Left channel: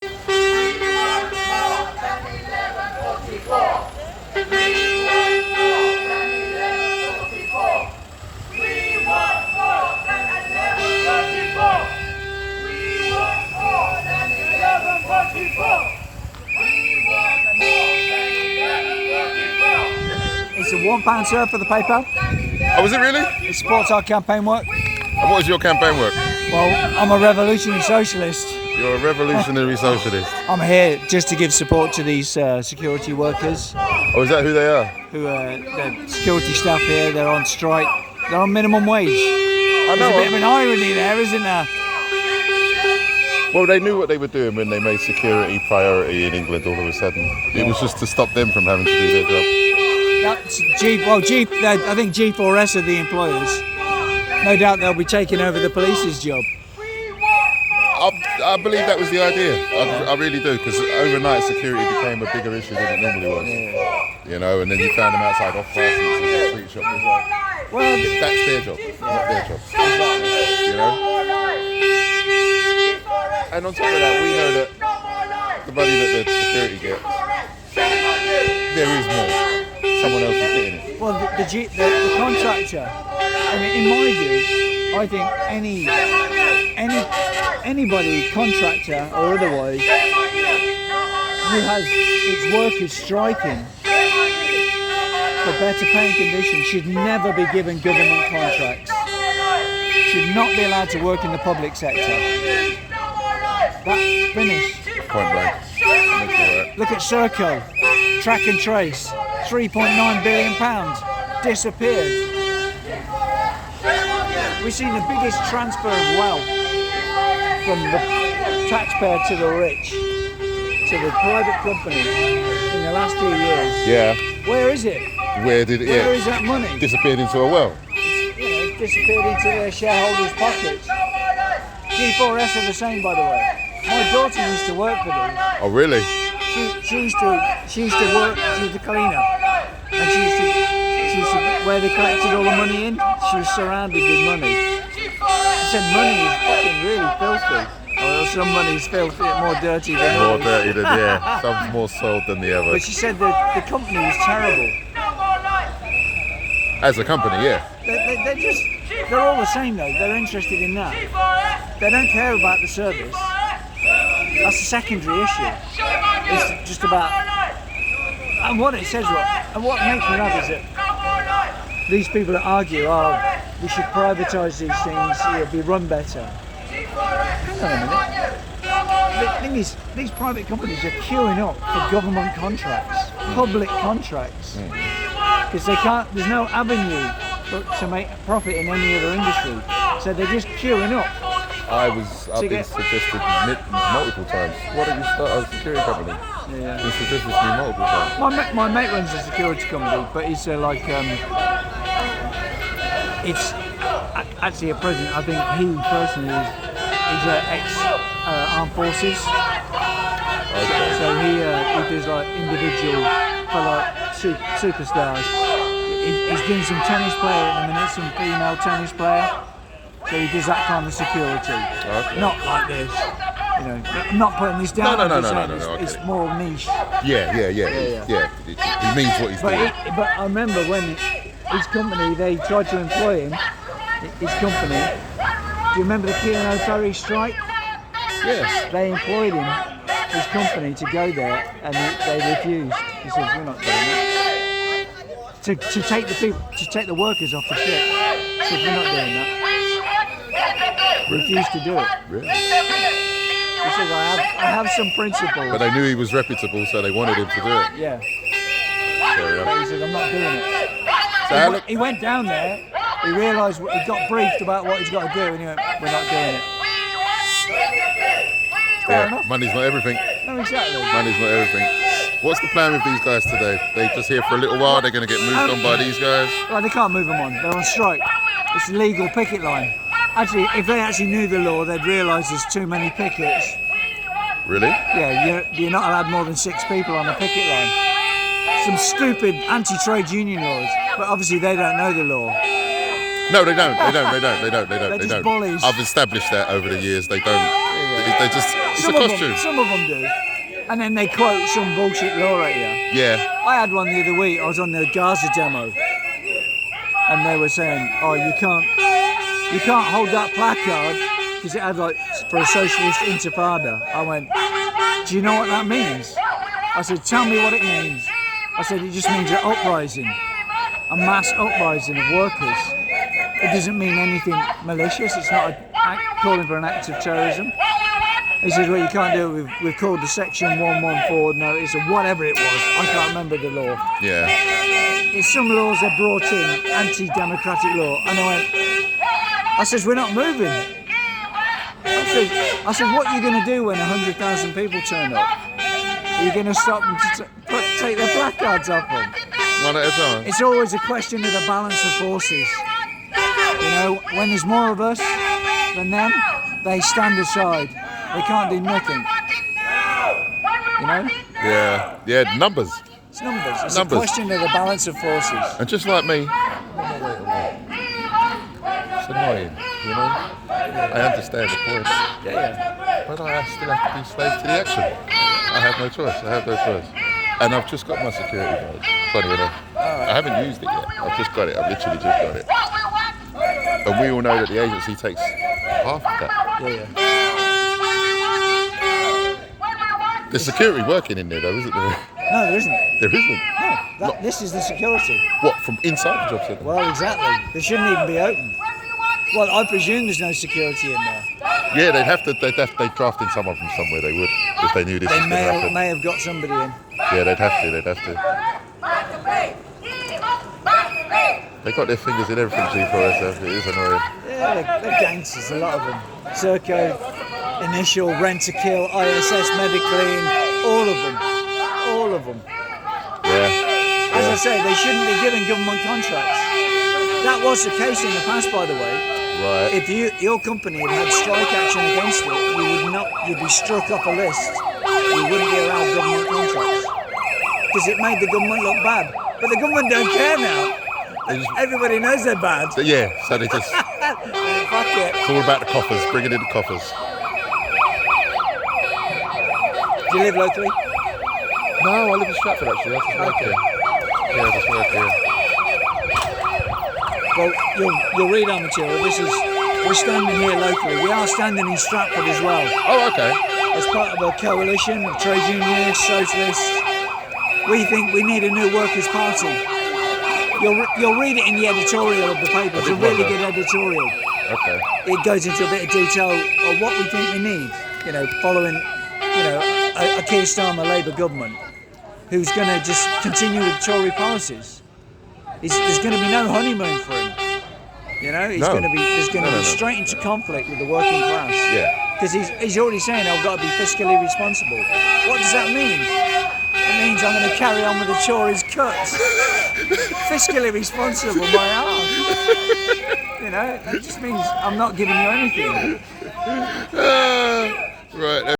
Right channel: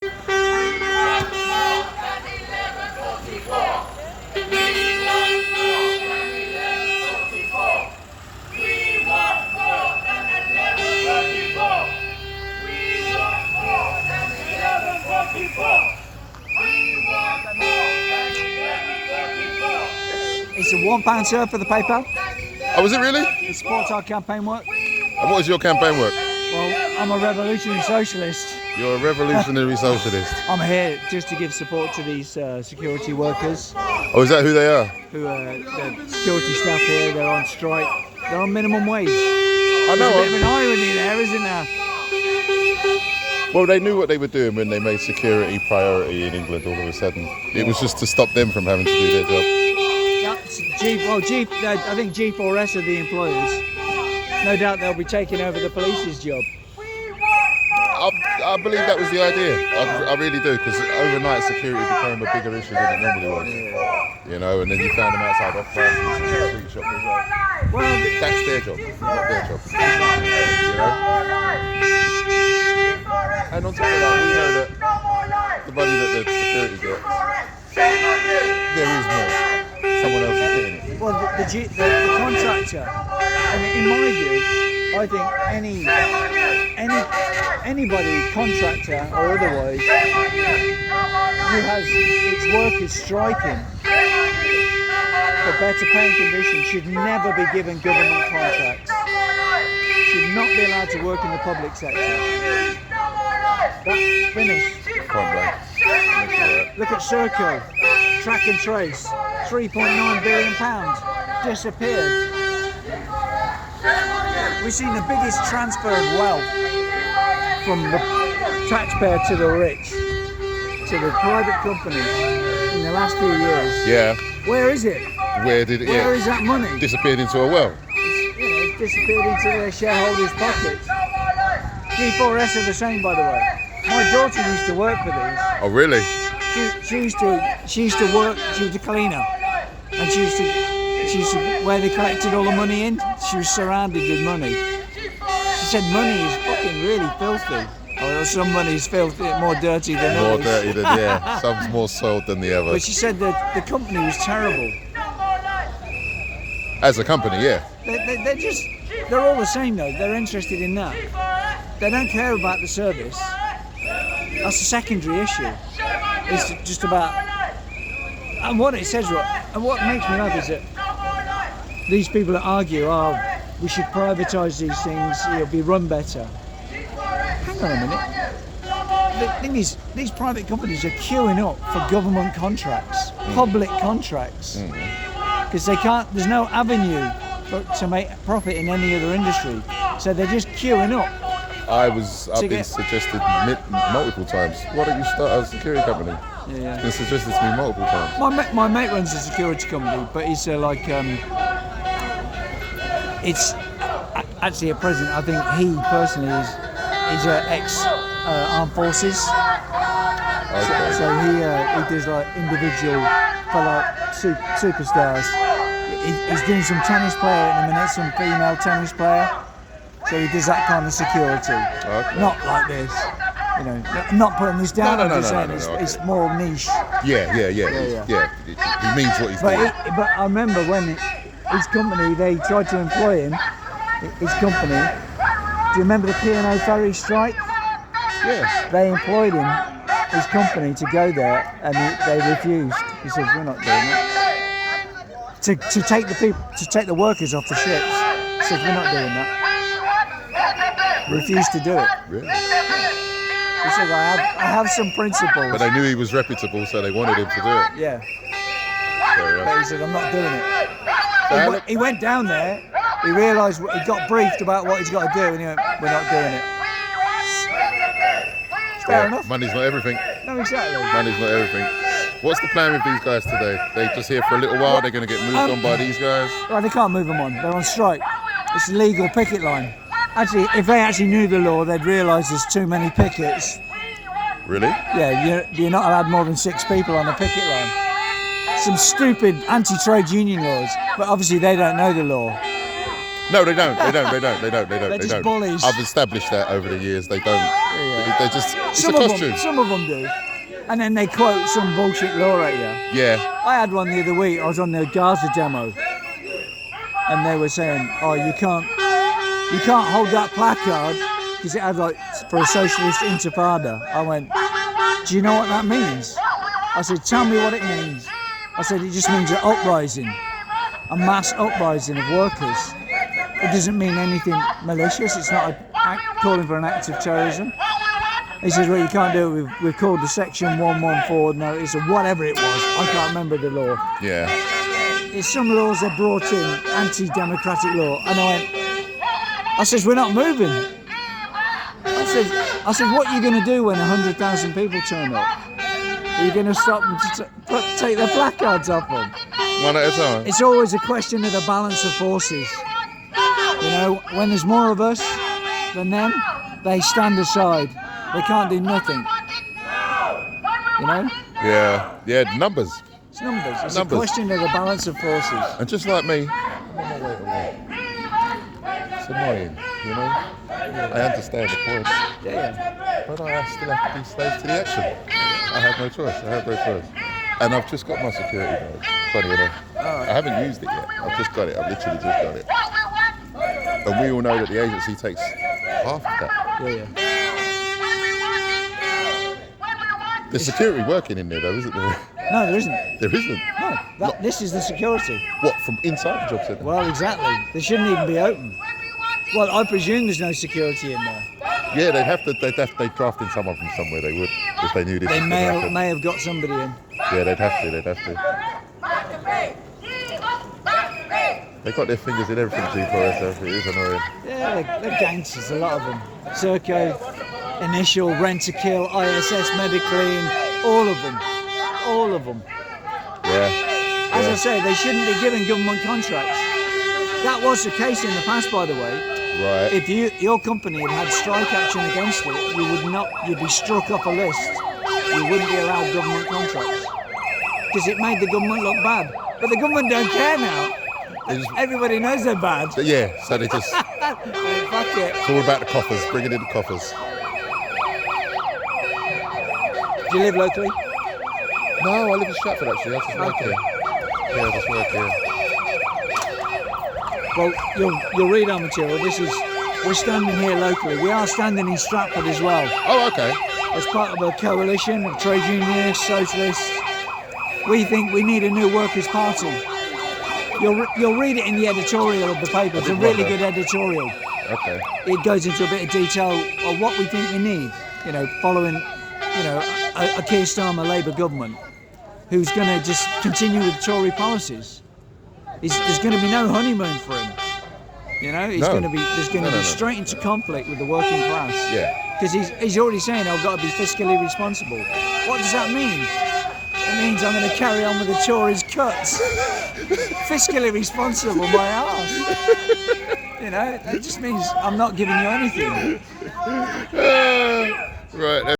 It's a £1, sir, for the paper. Oh, was it really? It supports our campaign work. And what is your campaign work? Well, I'm a revolutionary socialist. You're a revolutionary socialist. I'm here just to give support to these security workers. Oh, is that who they are? Who are the security staff here? They're on strike. They're on minimum wage. I know. There's a bit of an irony there, isn't there? Well, they knew what they were doing when they made security priority in England all of a sudden. It was just to stop them from having to do their job. That's I think G4S are the employers. No doubt they'll be taking over the police's job. I believe that was the idea. I really do, because overnight security became a bigger issue than it normally was. You know, and then you found them outside off prices and street shops as well. That's their job, not their job. You know? And on top of that, we know that the money that the security gets, there is more. Someone else is getting it. Well, the contractor, I mean, in my view, I think anybody, contractor or otherwise, who has its workers striking for better paying conditions should never be given government contracts. Should not be allowed to work in the public sector. That's finished. Look at Serco, track and trace, £3.9 billion, disappeared. We've seen the biggest transfer of wealth from the taxpayer to the rich, to the private companies in the last few years. Yeah. Where is it? Where did it? Where is that money? Disappeared into a well. It's disappeared into their shareholders' pockets. G4S are the same, by the way. My daughter used to work for these. Oh, really? She used to work. She was a cleaner, and she used to where they collected all the money in. She was surrounded with money. She said money is fucking really filthy. Or some money's filthy, more dirty than others. More dirty than, yeah. Some's more soiled than the other. But she said that the company was terrible. As a company, yeah. They're all the same though. They're interested in that. They don't care about the service. That's a secondary issue. It's just about, and what it says, and what makes me laugh is that these people that argue, we should privatise these things, it'll be run better. Hang on a minute. The thing is, these private companies are queuing up for government contracts, public contracts, because there's no avenue to make profit in any other industry. So they're just queuing up. I've been suggested multiple times. Why don't you start a security company? Yeah. He suggested to me multiple times. My mate runs a security company, but he's it's actually at present, I think he personally is ex-armed forces. Okay. So he does like individual for like superstars. He's doing some tennis player at the minute, some female tennis player. So he does that kind of security. Okay. Not like this. You know, I'm not putting this down. No. It's more niche. Yeah. He means what he's doing. But I remember when his company, they tried to employ him, his company. Do you remember the P&O ferry strike? Yes. They employed him, his company, to go there, and they refused. He said, "We're not doing it." To take the workers off the ships. He said, "We're not doing that." Refused to do it. Really? He said, I have some principles. But they knew he was reputable, so they wanted him to do it. Yeah. Fair enough. But he said, I'm not doing it. So He went down there, he realised, he got briefed about what he's got to do, and he went, we're not doing it. Fair enough. Money's not everything. No, exactly. Money's not everything. What's the plan with these guys today? They just here for a little while, they're going to get moved on by these guys? Well, they can't move them on, they're on strike. It's a legal picket line. Actually, if they actually knew the law, they'd realise there's too many pickets. Really? Yeah, you're not allowed more than 6 people on a picket line. Some stupid anti-trade union laws, but obviously they don't know the law. No, they don't. They don't. They're just bullies. I've established that over the years. They don't. They just. It's a costume. Some of them do. And then they quote some bullshit law at you. Yeah. I had one the other week. I was on the Gaza demo, and they were saying, "Oh, you can't hold that placard because it had like for a socialist intifada." I went, "Do you know what that means?" I said, "Tell me what it means." I said, "It just means an uprising, a mass uprising of workers. It doesn't mean anything malicious. It's not calling for an act of terrorism." He says, "Well, you can't do it. We've called the Section 114 notice or whatever it was. I can't remember the law." Yeah. It's some laws are brought in, anti-democratic law, and I says, "We're not moving." I said, "What are you going to do when 100,000 people turn up? Are you going to stop them to take their placards off them?" One at a time. It's always a question of the balance of forces. You know, when there's more of us than them, they stand aside. They can't do nothing. You know? Yeah, numbers. It's numbers. It's Numbers. a question of the balance of forces. And just like me, it's annoying, you know? I understand the point. Yeah. But I still have to be slave to the action. I have no choice. And I've just got my security badge, funny enough. I haven't used it yet. I've just got it. I've literally just got it. And we all know that the agency takes half of that. Yeah. There's security working in there though, isn't there? No, there isn't. There isn't. No, this is the security. What, from inside the job centre? Well, exactly. They shouldn't even be open. Well, I presume there's no security in there. Yeah, they'd draft in someone from somewhere, they would, if they knew this was going to happen. They may have got somebody in. Yeah, they'd have to. They got their fingers in everything, G4SF, it is annoying. Yeah, they're gangsters, a lot of them. Serco, Initial, Rent-A-Kill, ISS, Mediclean, all of them. Yeah. As I say, they shouldn't be given government contracts. That was the case in the past, by the way. Right. If your company had strike action against it, you'd be struck off a list. You wouldn't be allowed government contracts. Because it made the government look bad. But the government don't care now. Everybody knows they're bad. Yeah, so they just... Fuck it. It's all about the coffers, bringing in the coffers. Do you live locally? No, I live in Stratford actually, I just work here. Yeah, I just work here. Well, you'll read our material. We're standing here locally. We are standing in Stratford as well. Oh, okay. As part of a coalition of trade unionists, socialists. We think we need a new workers' party. You'll read it in the editorial of the paper. It's a really good editorial. Okay. It goes into a bit of detail of what we think we need. You know, following, a Keir Starmer Labour government who's going to just continue with Tory policies. There's going to be no honeymoon for him. You know, there's going to be straight into conflict with the working class. Yeah. Because he's already saying I've got to be fiscally responsible. What does that mean? It means I'm going to carry on with the Tories' cuts. Fiscally responsible, my ass. You know, that just means I'm not giving you anything. Right.